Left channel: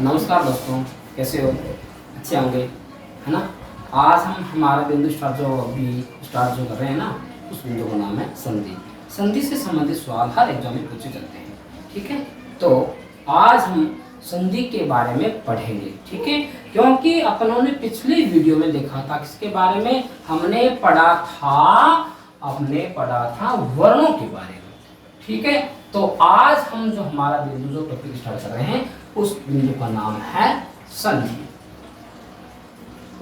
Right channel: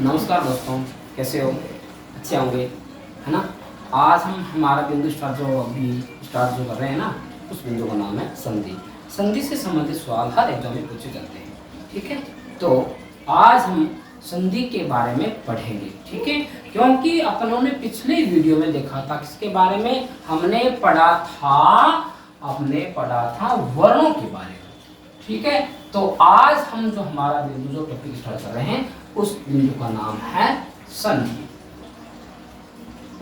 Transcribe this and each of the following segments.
नमस्कार दोस्तों, कैसे हो? अच्छे होंगे, है ना। आज हम हमारा बिंदु स्टार्ट जो कर रहे हैं ना, उस बिंदु का नाम है संधि। संधि से संबंधित सवाल हर एग्जाम में पूछे जाते हैं, ठीक है। तो आज हम संधि के बारे में पढ़ेंगे, ठीक है। क्योंकि अपनों ने पिछली वीडियो में देखा था, किसके बारे में हमने पढ़ा था वर्णों के बारे में, ठीक है। तो आज हम जो हमारा बिंदु जो टॉपिक स्टार्ट कर रहे हैं, उस बिंदु का नाम है संधि।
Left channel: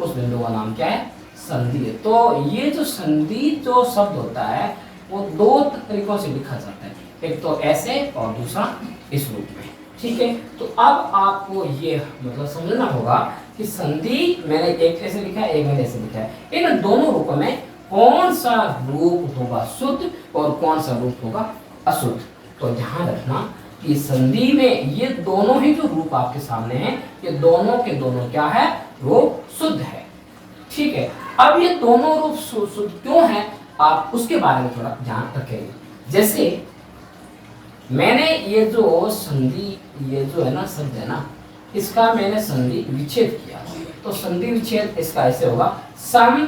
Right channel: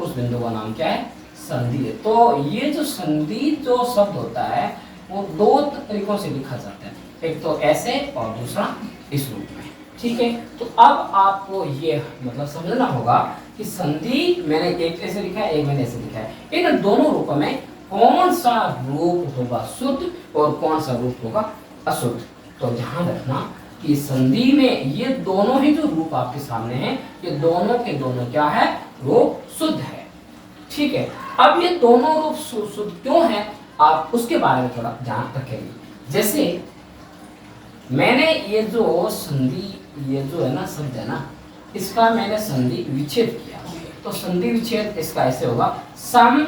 उस बिंदु का नाम क्या है? संधि है। तो ये जो संधि जो शब्द होता है वो दो तरीकों से लिखा जाता है, एक तो ऐसे और दूसरा इस रूप में, ठीक है। तो अब आपको ये मतलब समझना होगा कि संधि मैंने एक ऐसे लिखा है, एक मैंने ऐसे लिखा है, इन दोनों रूपों में कौन सा रूप होगा शुद्ध और कौन सा रूप होगा अशुद्ध। तो ध्यान रखना कि संधि में ये दोनों ही जो रूप आपके सामने हैं, ये दोनों के दोनों क्या है? रूप शुद्ध है, ठीक है। अब ये दोनों रूप शुद्ध क्यों है, आप उसके बारे में थोड़ा ध्यान रखेंगे। जैसे मैंने ये जो संधि, ये जो है ना शब्द है ना, इसका मैंने संधि विच्छेद किया, तो संधि विच्छेद इसका ऐसे होगा, सम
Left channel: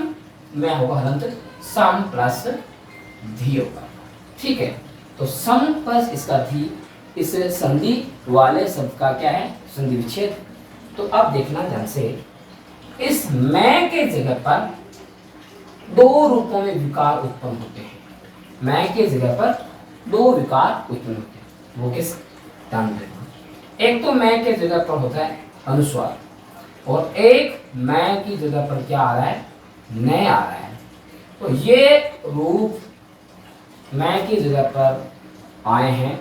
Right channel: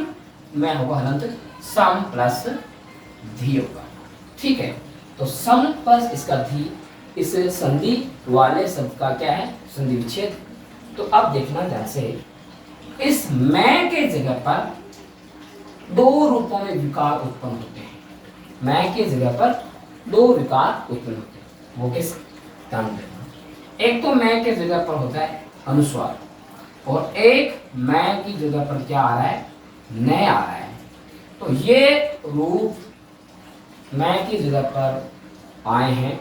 में होगा हलंत, सम प्लस धी होगा, ठीक है। तो सम प्लस इसका धी, इस संधि वाले शब्द का क्या है? संधि विच्छेद। तो अब देखना ध्यान से, इस मैं के जगह पर दो रूपों में विकार उत्पन्न होते हैं। मैं के जगह पर दो विकार उत्पन्न होते हैं, वो किस? ध्यान देना। एक तो मैं के जगह पर होता है अनुस्वार, और एक मैं की जगह पर क्या आ रहा है? न आ रहा है। तो ये रूप मैं की जगह पर आए हैं,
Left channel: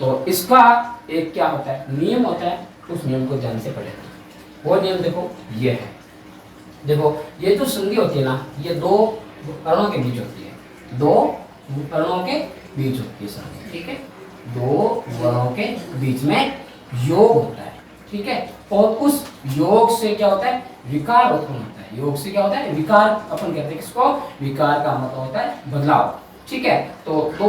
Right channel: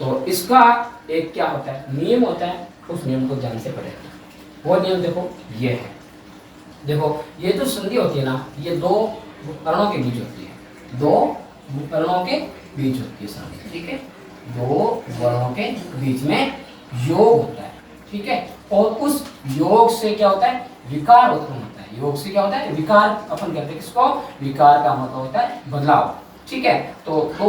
तो इसका एक क्या होता है? नियम होता है, उस नियम को ध्यान से पढ़ेगा। वो नियम देखो, ये है। देखो ये जो संधि होती है ना, ये दो वर्णों के बीच होती है, दो वर्णों के बीच होती है संधि, ठीक है। दो वर्णों के बीच में योग होता है, ठीक है। और उस योग से क्या होता है? विकार उत्पन्न होता है। योग से क्या होता है? विकार। अपन कहते हैं किसको? विकार का मतलब होता है बदलाव, ठीक है। तो दो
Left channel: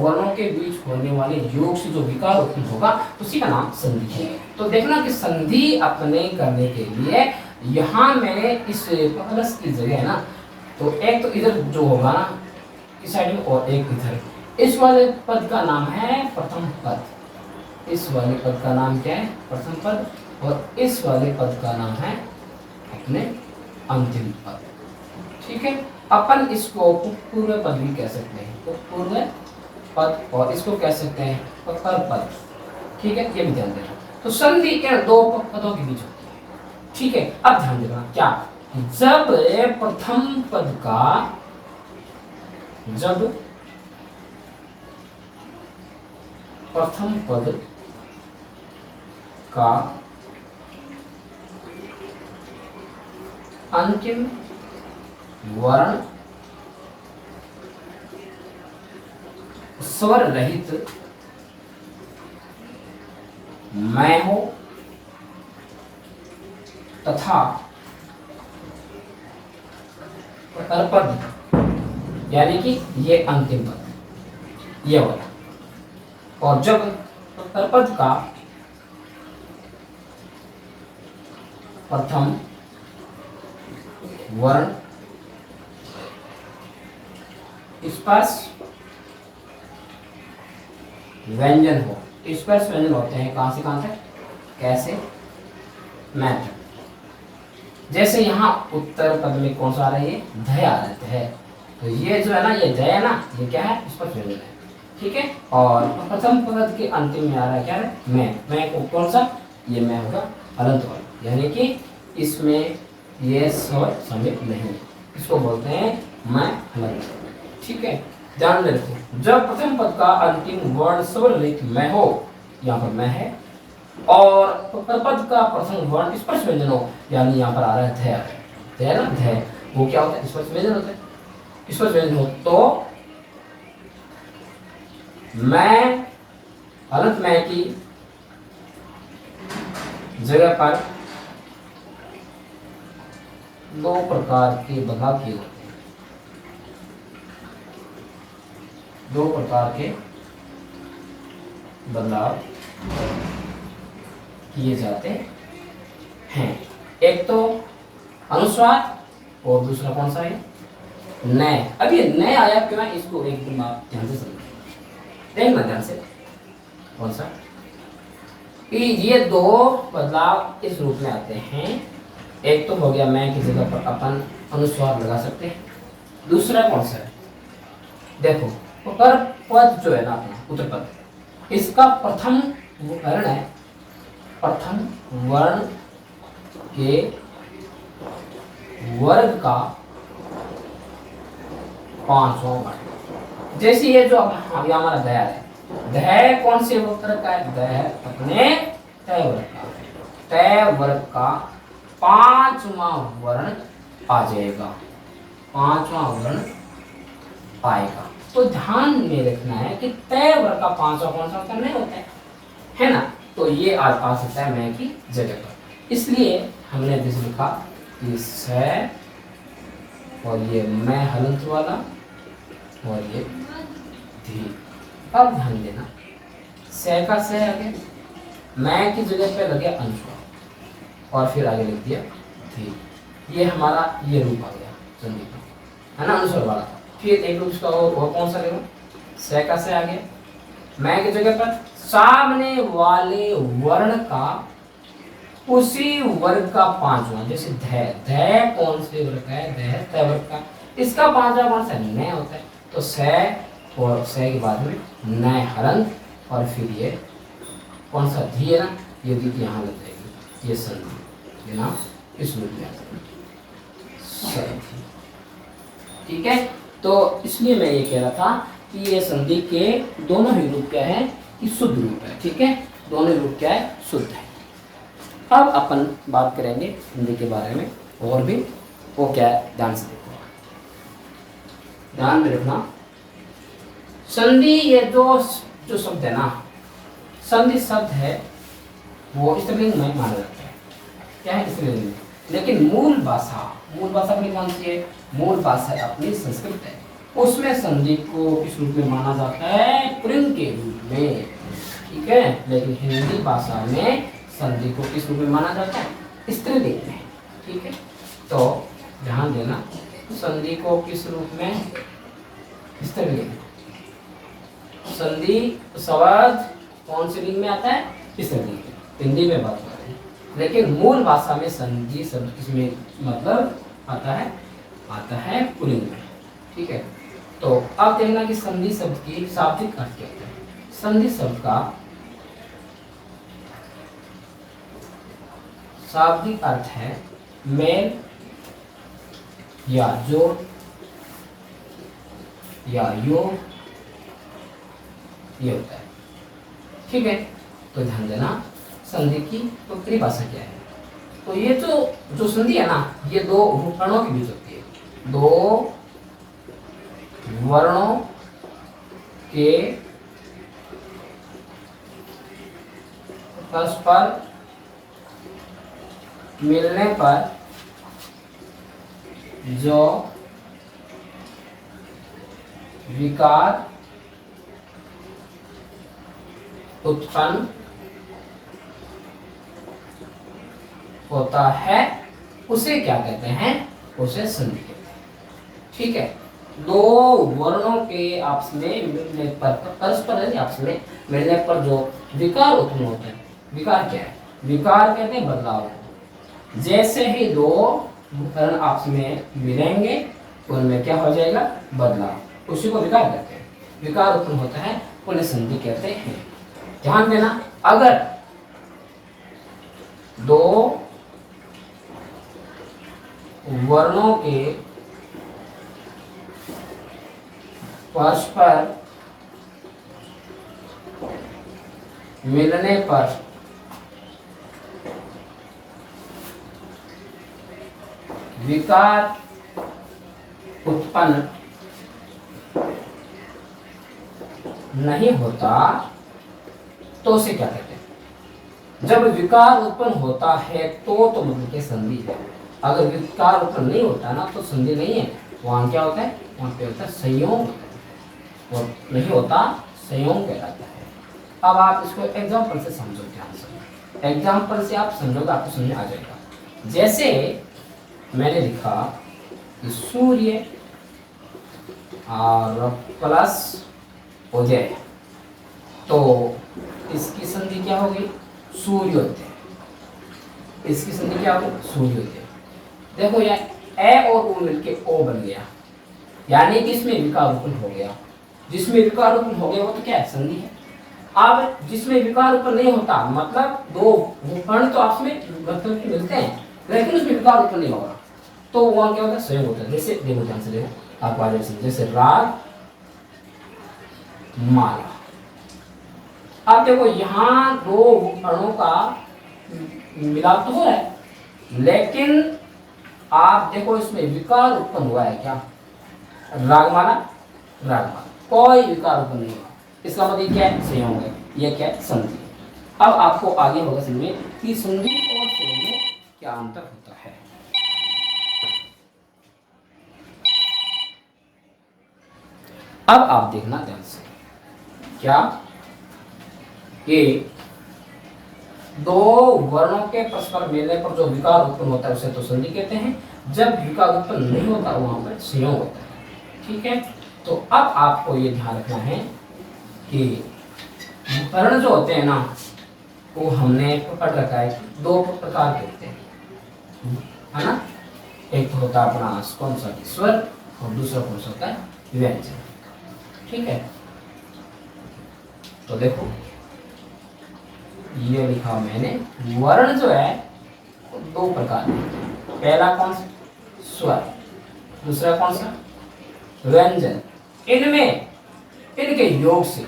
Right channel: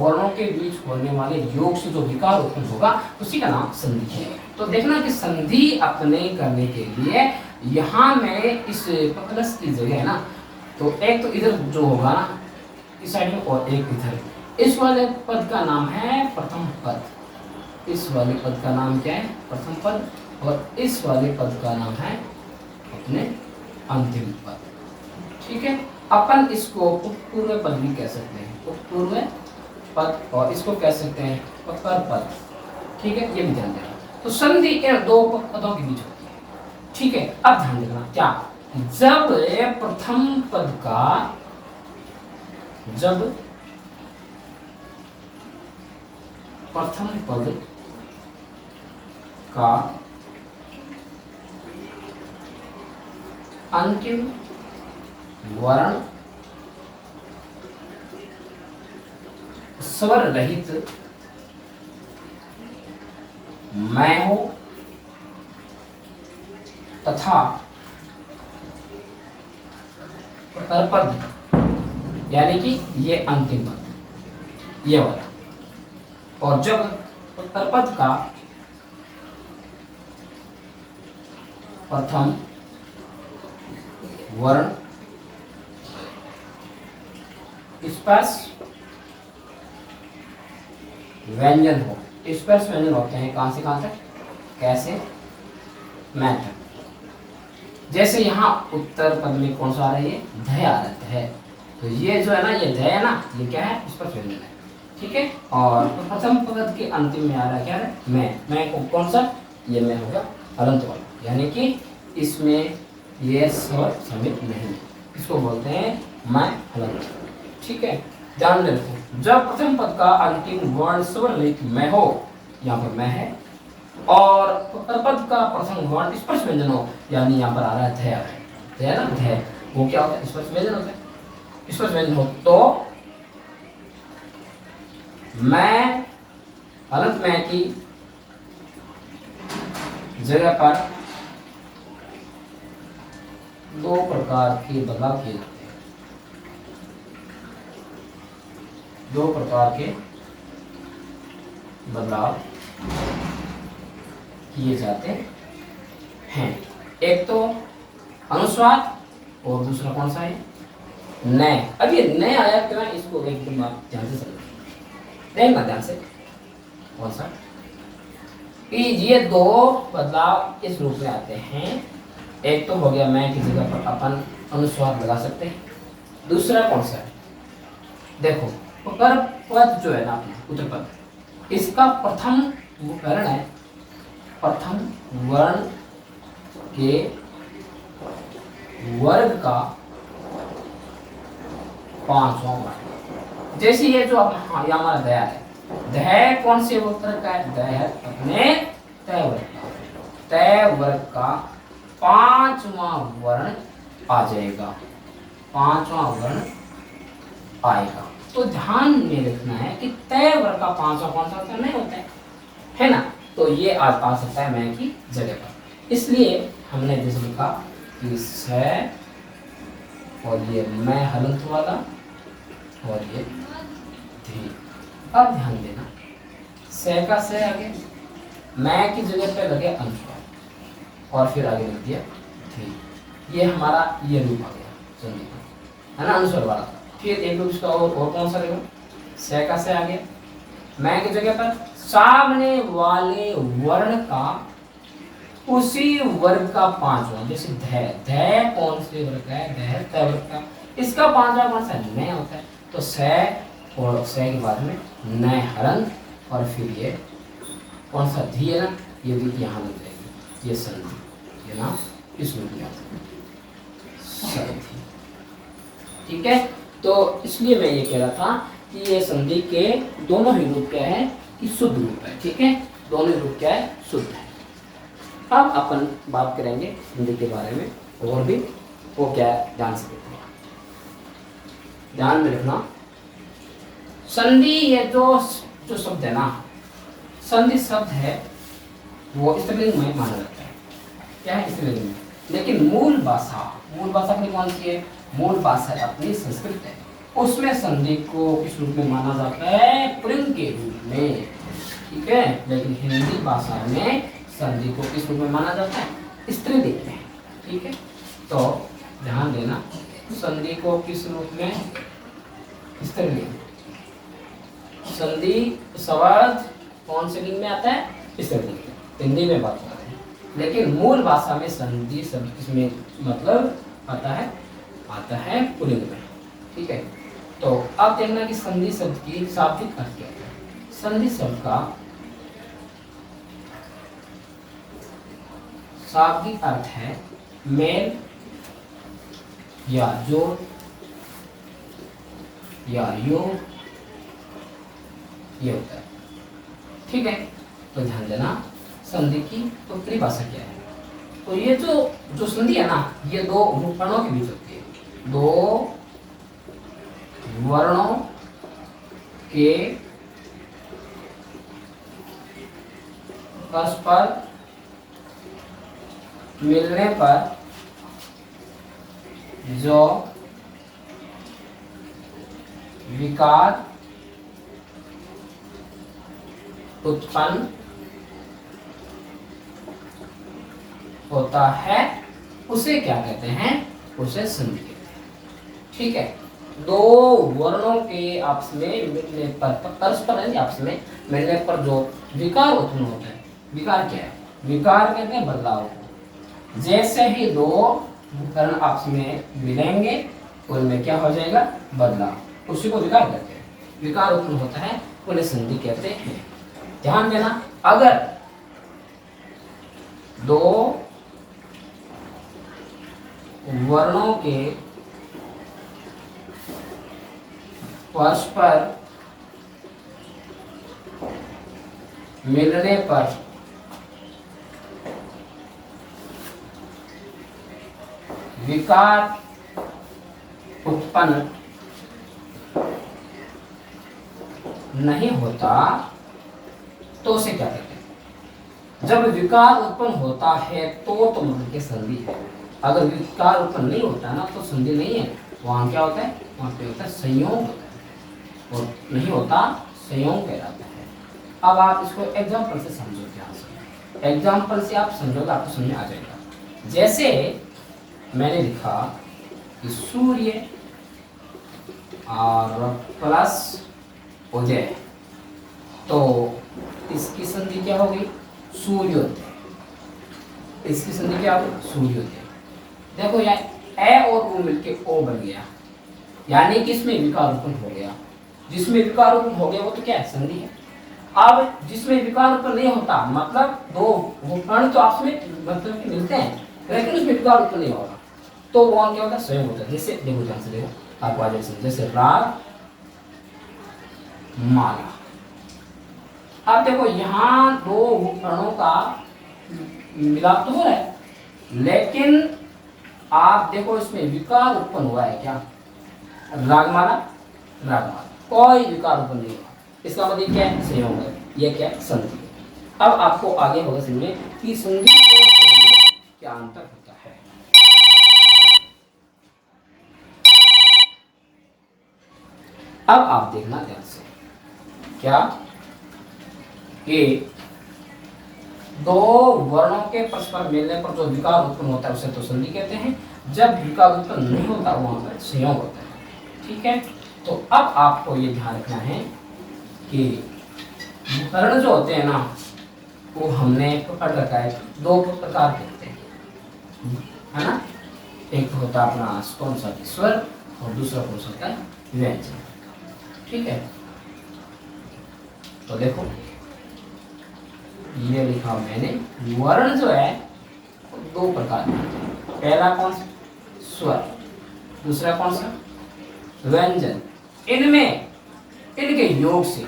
वर्णों के बीच होने वाले योग से जो विकार उत्पन्न होगा, उसी का नाम संधि है। तो देखना कि संधि अपने करने के लिए यहाँ मैंने इस प्लस की जगह है ना, तो एक तो इधर जो होगा ना इस साइड में, और एक इधर। इस वाले पद का नाम है प्रथम पद। इस वाले पद का नाम क्या है? प्रथम पद। और इस वाले पद का नाम है अपने अंतिम पद, ठीक है। अपन इसको पूर्व पद भी कह सकते हैं, तो पूर्व पद, और इसको कह सकते हैं उत्तर पद, ठीक है। ये भी ध्यान देना। तो संधि इन दो पदों के बीच होती है, ठीक है। अब ध्यान देना क्या, जब प्रथम पद का, जब प्रथम पद का अंतिम वर्ण स्वर रहित मैं हो तथा परपद, यानी कि ये अंतिम पद ये वाला, और जब परपद का प्रथम वर्ण स्पर्श व्यंजन हो। स्पर्श व्यंजन होते हैं कहां से कहां तक? कैसे? मैं तक। जैसे यहाँ उत्तर पद में कौन सा आ रहा है? ध आ रहा है। तो ये जो है ना, ये ध है ना, ये क्या है? स्पर्श व्यंजन है, ठीक है। और प्रथम पद के अंतिम में आ रहा है क्या है? मैं को कौन सा? ये मैं होगा हलंत वाला, यानी कि इसमें ये स्वर समित नहीं, इसको बोलते हैं मैं हलंत, ठीक है। ध्यान में रखें, जब प्रथम पद का अंतिम वर्ण स्वर रहित मैं हो, यहाँ पर मैं है, और परपद का प्रथम वर्ण स्पर्श व्यंजन हो, यानी यहाँ पर आ रहा है ध ना, ध, वो क्या होता है? स्पर्श व्यंजन होता है। स्पर्श व्यंजन हो तो मैं हलंत मैं की जगह पर दो प्रकार के बदलाव किए जाते हैं, दो प्रकार के बदलाव किए जाते हैं। एक तो अनुस्वार और दूसरा कौन सा है, नए। अब ये नए आया क्यों है, इसको एकदम आप ध्यान से समझिए, देखना ध्यान से। कौन सा कि ये दो बदलाव इस रूप में आते हैं। एक तो हो गया मैं की जगह पर अपन अनुस्वार लगा सकते हैं। दूसरा कौन सा है, देखो पर पद जो है ना अपना उत्तर पद, इसका प्रथम वर्ण है, प्रथम वर्ण के वर्ग का पांचवा वर्ण। जैसे ये जो ये हमारा दया है, दया कौन से वर्ग का है, दया अपने तय वर्ग का, तय वर्ग का पांचवा वर्ण आ जाएगा, पांचवा वर्ण आएगा। तो ध्यान में रखना है कि तय वर्ग का पांचवा कौन सा होता है, नहीं होता है ना। तो ये आज आ सकता है मैं की जगह पर, इसलिए हमने जिस लिखा कि से और ये मैं हलंत वाला और ये धी। अब ध्यान देना, से का से आगे मैं की जगह पे लगे अनुस्वार और फिर आगे लिख दिया धी। ये हमारा ये रूप आ गया संधि का, है ना, अनुस्वार वाला। फिर एक रूप इसका और कौन सा लेगा, से का से आगे मैं की जगह पर सामने वाले वर्ण का उसी वर्ग का पांचवा, जैसे धै, धै कौन से वर्ग का है, धै तय वर्ग का, इसका पांचवा कौन सा है, नय होता है। तो से और से के बाद में नय हलंत और फिर ये कौन सा धी है ना, ये धी यहाँ लग जाएगी, ये संधि, ये नाम इस रूप में संधि। ठीक है, तो इसलिए मैं ये कह रहा था कि ये संधि के दोनों ही रूप क्या है, कि शुद्ध रूप है। ठीक है, दोनों रूप क्या है, शुद्ध है। अब अपन बात करेंगे हिंदी के बारे में और भी, वो क्या है ध्यान से देखो, ध्यान में रखना। संधि ये जो शब्द है ना, संधि शब्द है वो स्त्रीलिंग में माना जाता है, क्या है स्त्रीलिंग में, लेकिन मूल भाषा अपनी कौन सी है, मूल भाषा अपनी संस्कृत है, उसमें संधि को किस रूप में माना जाता है, पुल्लिंग के रूप में। ठीक है, लेकिन हिंदी भाषा में संधि को किस रूप में माना जाता है, स्त्रीलिंग में। ठीक है, तो ध्यान देना, संधि को किस रूप में, स्त्रीलिंग। संधि शब्द कौन से लिंग में आता है, स्त्रीलिंग। हिंदी में बात हो रही है, लेकिन मूल भाषा में संधि शब्द किसमें मतलब आता है पुल्लिंग में। ठीक है, तो अब देखना कि संधि शब्द की शाब्दिक अर्थ क्या है। संधि शब्द का शाब्दिक अर्थ है मेल या जोड़ या योग, ये होता है। ठीक है, तो ध्यान देना, संधि की परिभाषा क्या है। तो ये जो संधि है ना, ये दो वर्णों के बीच होती है, दो वर्णों के परस्पर मिलने पर जो विकार उत्पन्न होता है उसे क्या कहते हैं, उसे संधि कहते हैं। ठीक है, दो वर्णों के आपस में मिलने पर, परस्पर नहीं आपस में मिलने पर जो विकार उत्पन्न होता है, विकार क्या है, विकार कहते हैं बदलाव को। जैसे ही दो वर्ण आपस में मिलेंगे उनमें क्या हो जाएगा, बदलाव, उसी को विकार कहते हैं। विकार उत्पन्न होता है उन्हें संधि कहते हैं। ध्यान देना, अगर दो वर्णों के परस्पर मिलने पर विकार उत्पन्न नहीं होता तो उसे क्या कहते हैं। जब विकार उत्पन्न होता है तो मतलब के संधि है। अगर विकार उत्पन्न नहीं होता ना तो संधि नहीं है, वहां क्या होता है, वहां पे होता है संयोग होता है, और नहीं होता संयोग कहलाता है। अब आप इसको एग्जाम्पल से समझो ध्यान से। एग्जाम्पल से आप समझोगे, आपको समझ में आ जाएगा। जैसे मैंने लिखा कि सूर्य और प्लस उदय, तो इसकी संधि क्या हो गई? सूर्योदय। इसकी संधि क्या हो गई? सूर्योदय। देखो यहाँ ए और ओ मिलके ओ बन गया, यानी कि इसमें विकार उत्पन्न हो गया। जिसमें विकार उत्पन्न हो गया वो तो क्या है? संधि है। अब जिसमें विकार उत्पन्न नहीं होता, मतलब दो वर्ण तो आपस में मतलब कि मिलते हैं, लेकिन उसमें विकार उत्पन्न नहीं होगा, तो वो क्या होता है? स्वयं होता है। जैसे देखो, ध्यान से देखो, आपको आ जाए। जैसे राग माला। अब देखो यहाँ दो वर्णों का मिलाप तो हो रहा है, लेकिन आप देखो इसमें विकार उत्पन्न हुआ है क्या? रागमाला, रागमाला, कोई विकार उत्पन्न नहीं हुआ। इसका मतलब क्या है? संयोग है। यह क्या है? संधि। अब आपको आगे होगा समझिए कि संधि और संयोग में क्या अंतर होता है। अब आप देखना ध्यान से, क्या कि दो वर्णों के परस्पर मिलने पर जो विकार उत्पन्न होता है उसे तो संधि कहते हैं। जब विकार उत्पन्न नहीं होता वहां पर संयोग होता है। ठीक है, तो अब आपको ये ध्यान रखना है कि वर्ण जो होते हैं ना, वो हमने पढ़ रखा है, दो प्रकार के होते हैं, है ना। एक होता है अपना कौन सा? स्वर, और दूसरा कौन सा होता है? व्यंजन। ठीक है, तो देखो ये लिखा मैंने, वर्ण जो है वो दो प्रकार के होते हैं। पहला कौन सा? स्वर। दूसरा कौन सा? व्यंजन। इनमें इनके योग से,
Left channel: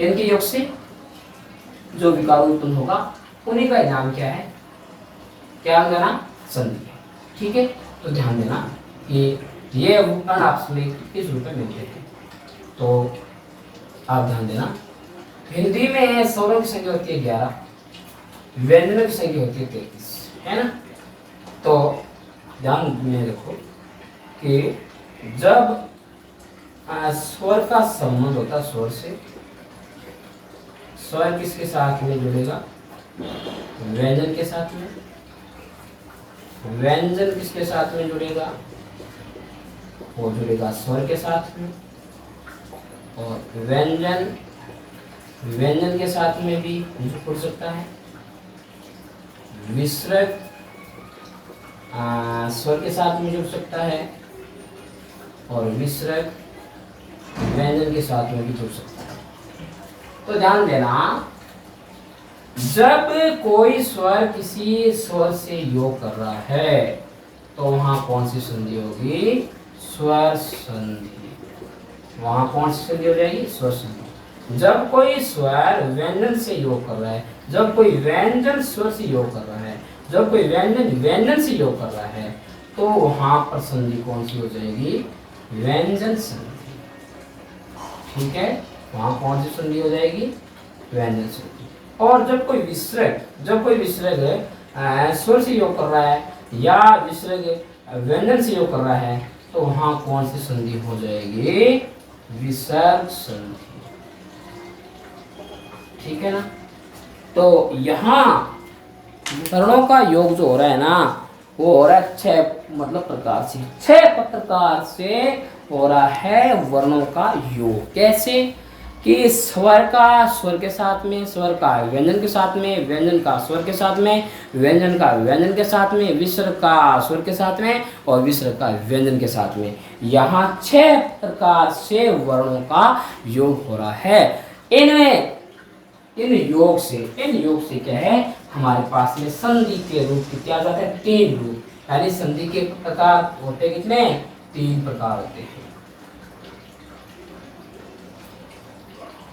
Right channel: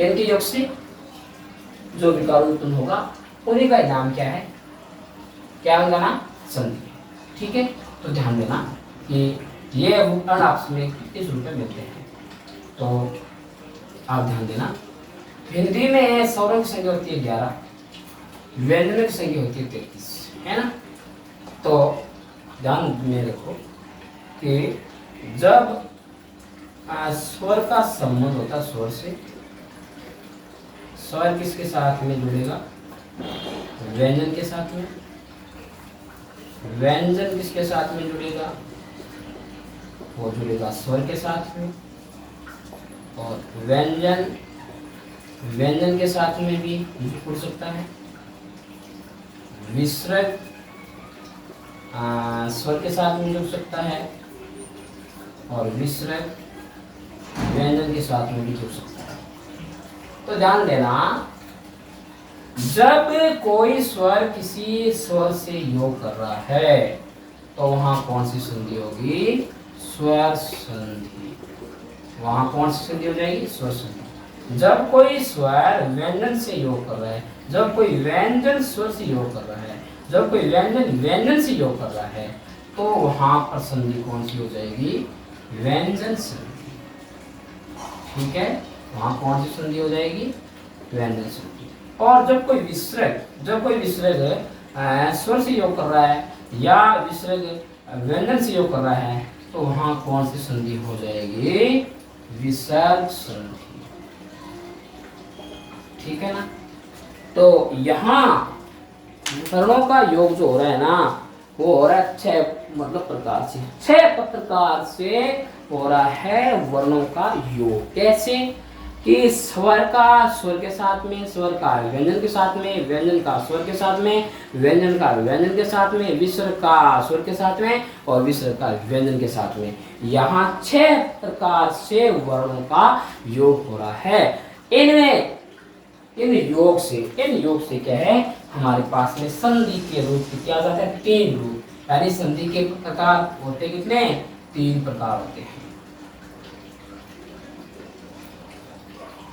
इनके योग से जो विकार उत्पन्न होगा उन्हीं का नाम क्या है? क्या उनका नाम? संधि है। ठीक है, तो ध्यान देना कि ये वर्ण आपस में किस रूप में मिलते हैं। तो आप ध्यान देना, हिंदी में स्वरों की संख्या होती है 11, व्यंजनों की संख्या होती है 33, है ना। तो ध्यान में रखो कि जब स्वर का संबंध होता है स्वर से, स्वर किसके साथ में जुड़ेगा? व्यंजन के साथ में। व्यंजन किसके साथ में जुड़ेगा? वो जुड़ेगा स्वर के साथ में। और व्यंजन व्यंजन के साथ में भी जुड़ सकता है। विसर्ग स्वर के साथ में जुड़ सकता है, और विसर्ग व्यंजन के साथ में भी जुड़ सकता है। तो ध्यान देना, जब कोई स्वर किसी स्वर से योग कर रहा है तो वहां कौन सी संधि होगी? स्वर संधि। वहां कौन सी संधि हो जाएगी? स्वर संधि। जब कोई स्वर व्यंजन से योग कर रहा है, जब कोई व्यंजन स्वर से योग कर रहा है, जब कोई व्यंजन व्यंजन से योग कर रहा है, तो वहां पर संधि कौन सी हो जाएगी? व्यंजन संधि। ठीक है, वहां कौन सी संधि हो जाएगी? व्यंजन संधि। और जब कोई विसर्ग स्वर से योग कर रहा है या विसर्ग व्यंजन से योग कर रहा है, तो वहां कौन सी संधि हो जाएगी? विसर्ग संधि। ठीक है ना। तो यहाँ वर्णों का योग जो हो रहा है ना, वो हो रहा है 6 मतलब प्रकार से, 6 प्रकार से हो रहा है वर्णों का योग। कैसे कि स्वर का स्वर के साथ में, स्वर का व्यंजन के साथ में, व्यंजन का स्वर के साथ में, व्यंजन का व्यंजन के साथ में, विसर्ग का स्वर के साथ में, और विसर्ग का व्यंजन के साथ में। यहाँ 6 प्रकार से वर्णों का योग हो रहा है। इनमें इन योग से क्या है? हमारे पास में संधि के रूप कितने आ जाते हैं? 3 रूप। यानी संधि के प्रकार होते कितने? 3 प्रकार होते हैं।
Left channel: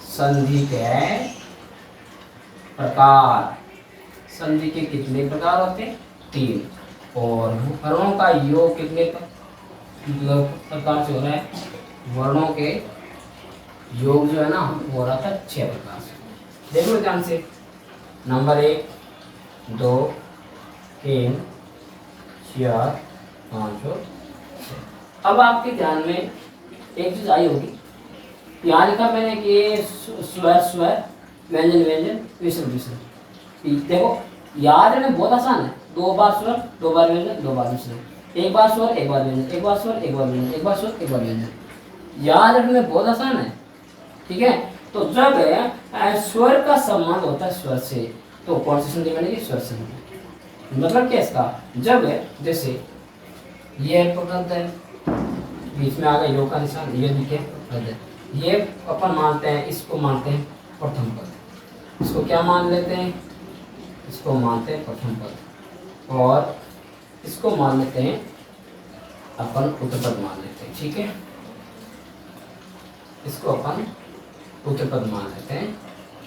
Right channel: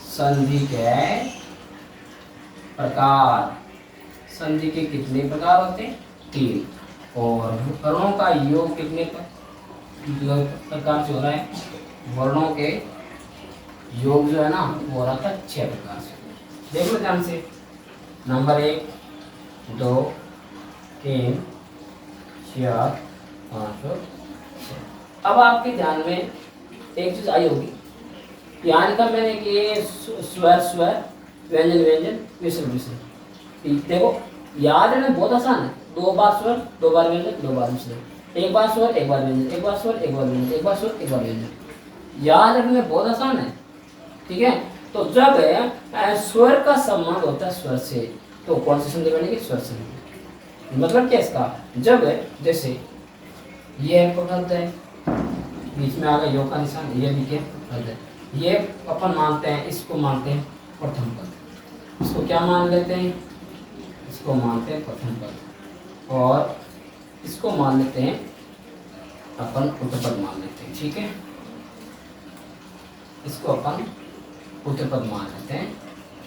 संधि के प्रकार, संधि के कितने प्रकार होते हैं? 3। और वर्णों का योग कितने प्रकार से हो रहा है? वर्णों के योग जो है ना, वो हो रहा था 6 प्रकार से। देखो ध्यान से, नंबर 1, 2, 3, 4, 5 और 6। अब आपके ध्यान में एक चीज आई होगी, यहाँ लिखा मैंने कि स्वर स्वर, व्यंजन व्यंजन, विसर्ग विसर्ग। देखो याद रखना बहुत आसान है, 2 बार स्वर 2 बार व्यंजन 2 बार विसर्ग, 1 बार स्वर 1 बार व्यंजन 1 बार स्वर 1 बार व्यंजन 1 बार स्वर 1 बार व्यंजन। याद रखने में बहुत आसान है, ठीक है। तो जब स्वर का संबंध होता है स्वर से तो कौन सी संधि बनेगी? स्वर संधि। मतलब क्या इसका? जब जैसे ये पद है, बीच में आ गया योग का निशान, ये भी क्या पद है, ये अपन मानते हैं, इसको मानते हैं प्रथम पद। इसको क्या मान लेते हैं? इसको मानते हैं प्रथम पद, और इसको मान लेते हैं अपन उत्तर पद मान लेते हैं, ठीक है। इसको अपन उत्तर पद मान लेते हैं,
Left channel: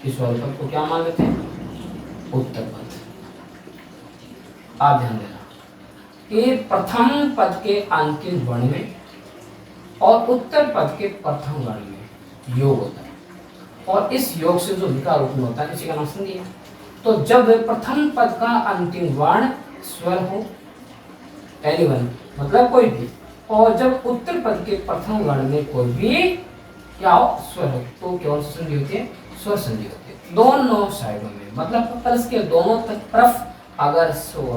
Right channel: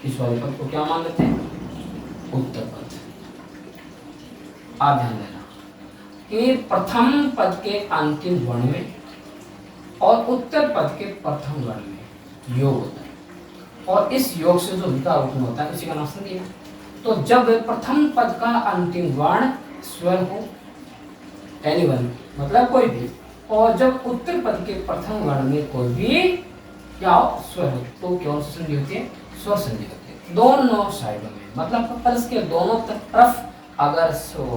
इस वाले पद को क्या मान लेते हैं? उत्तर पद। आप ध्यान देना कि प्रथम पद के अंतिम वर्ण में और उत्तर पद के प्रथम वर्ण में योग होता है, और इस योग से जो विकार उत्पन्न होता है इसी का नाम संधि है। तो जब प्रथम पद का अंतिम वर्ण स्वर हो, एनीवन मतलब कोई भी, और जब उत्तर पद के प्रथम वर्ण में कोई भी क्या हो? स्वर हो, तो कौन सी संधि होती है? स्वर संधि होती है। दोनों साइडों में, मतलब पल्स के दोनों तरफ अगर स्वर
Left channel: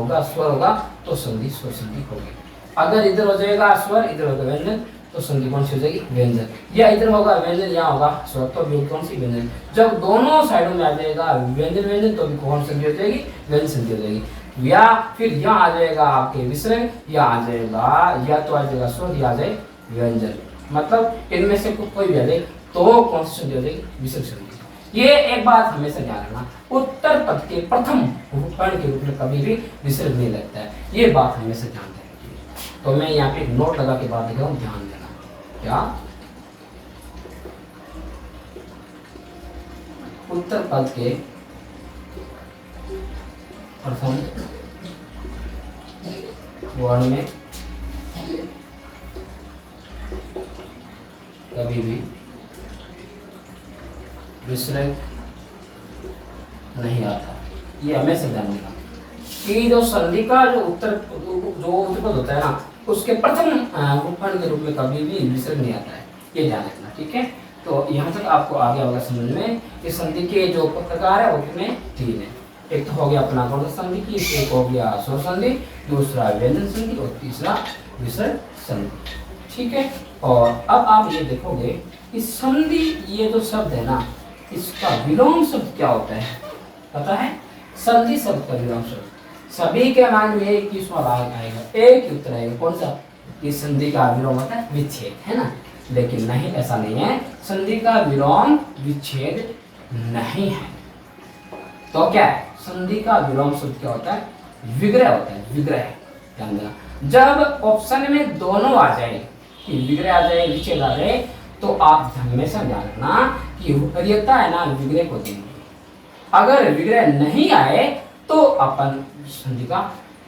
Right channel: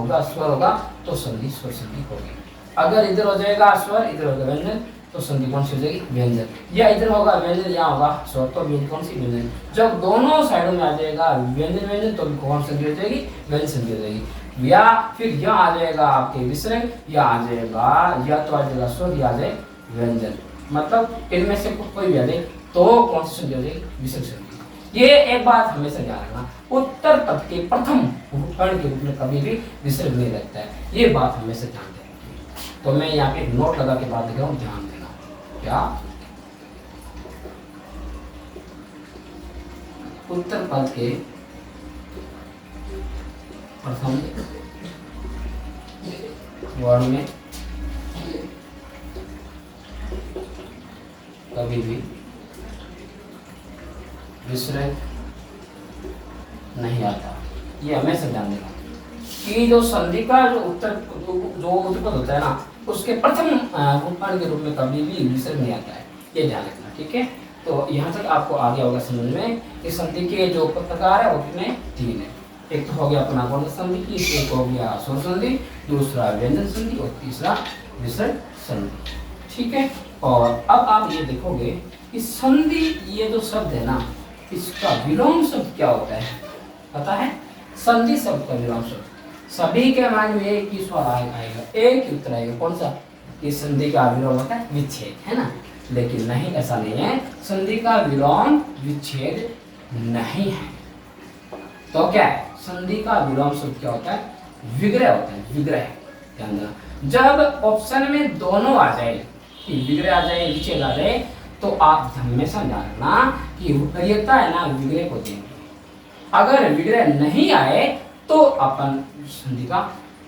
होगा तो संधि स्वर संधि होगी। अगर इधर हो जाएगा स्वर, इधर होगा व्यंजन, तो संधि कौन सी हो जाएगी? व्यंजन। या इधर होगा व्यंजन, यहाँ होगा स्वर, तो भी कौन सी? व्यंजन। जब दोनों साइडों में आ जाएगा व्यंजन व्यंजन, तो भी कौन संधि हो जाएगी? व्यंजन संधि हो जाएगी। या फिर यहाँ आ जाएगा आपके विसर्ग, या आ जाएगा, या तो आ जाएगा स्वर, या आ जाए व्यंजन, मतलब इनमें से कोई भी आ जाए तो कौन सी संधि हो जाएगी? विसर्ग संधि। ये एक बात हमेशा ध्यान रखना, उत्तर पद के प्रथम वर्ण के रूप में कभी भी विसर्ग नहीं लगता है, ये बात हमेशा ध्यान देना। तो मैं यहाँ पे एक नोट लगा के बात लिखा हूँ, ध्यान देना। क्या? उत्तर पद के प्रथम वर्ण में कभी भी विसर्ग नहीं आता, ये हमेशा ध्यान देना कि जो संधि का जो उत्तर पद होता है ना, उसके प्रथम वर्ण के रूप में कभी भी विसर्ग नहीं आता है, ये ध्यान रखना, ठीक है। तो यहाँ तक आपको आ गया होगा समझ में कि संधि के जो प्रकार है वो कितने? 3 है। एक तो हो गया अपना कौन सा संधि की, एक हो गया स्वर संधि, दूसरा व्यंजन संधि, और तीसरा विसर्ग संधि, ठीक है। और अब आप ये देखोगे कि संधि, ये जो शब्द है ना, इसका विलोम शब्द क्या होता है पता है? संधि शब्द का विलोम शब्द सभी के मान में एक ही स्वर आएगा, एक ही उत्तर आएगा, कौन सा? इस संधि का विलोम होता है विच्छेद, है ना। लेकिन नहीं, ऐसा नहीं है, संधि का विलोम विच्छेद नहीं है। तो क्या है? संधि का विलोम शब्द क्या होता है? विग्रह होता है, विग्रह। ध्यान देना, जब ऑप्शन में दोनों आ जाए, कि विग्रह आ जाए विच्छेद आ जाए, तो आप हमेशा ध्यान रखना कि वरीयता है ना विग्रह को देंगे। अगर विग्रह नहीं आए तो अपन संधि का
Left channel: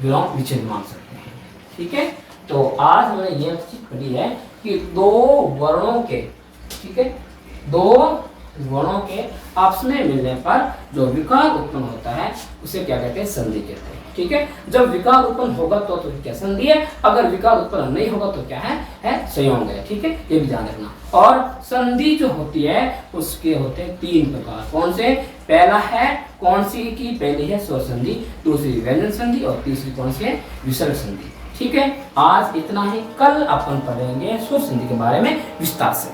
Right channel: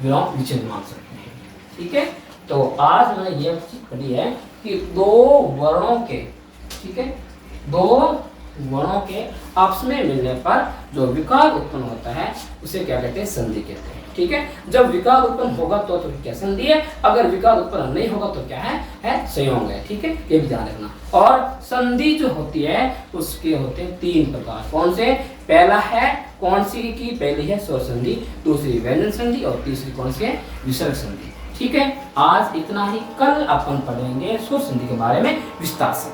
विलोम विच्छेद मान सकते हैं, ठीक है। तो आज मैंने ये चीज पढ़ी है कि दो वर्णों के, ठीक है, दो वर्णों के आपस में मिलने पर जो विकार उत्पन्न होता है उसे क्या कहते हैं? संधि कहते हैं, ठीक है। जब विकार उत्पन्न होगा तो क्या? संधि है। अगर विकार उत्पन्न नहीं होगा तो क्या है संयोग है, ठीक है, ये भी ध्यान रखना। और संधि जो होती है उसके होते हैं 3 प्रकार। कौन से? पहला है कौन सी की? पहली है स्वर संधि, दूसरी व्यंजन संधि, और तीसरी कौन सी है? विसर्ग संधि, ठीक है। आज इतना ही, कल अपन पढ़ेंगे स्वर संधि के बारे में विस्तार से।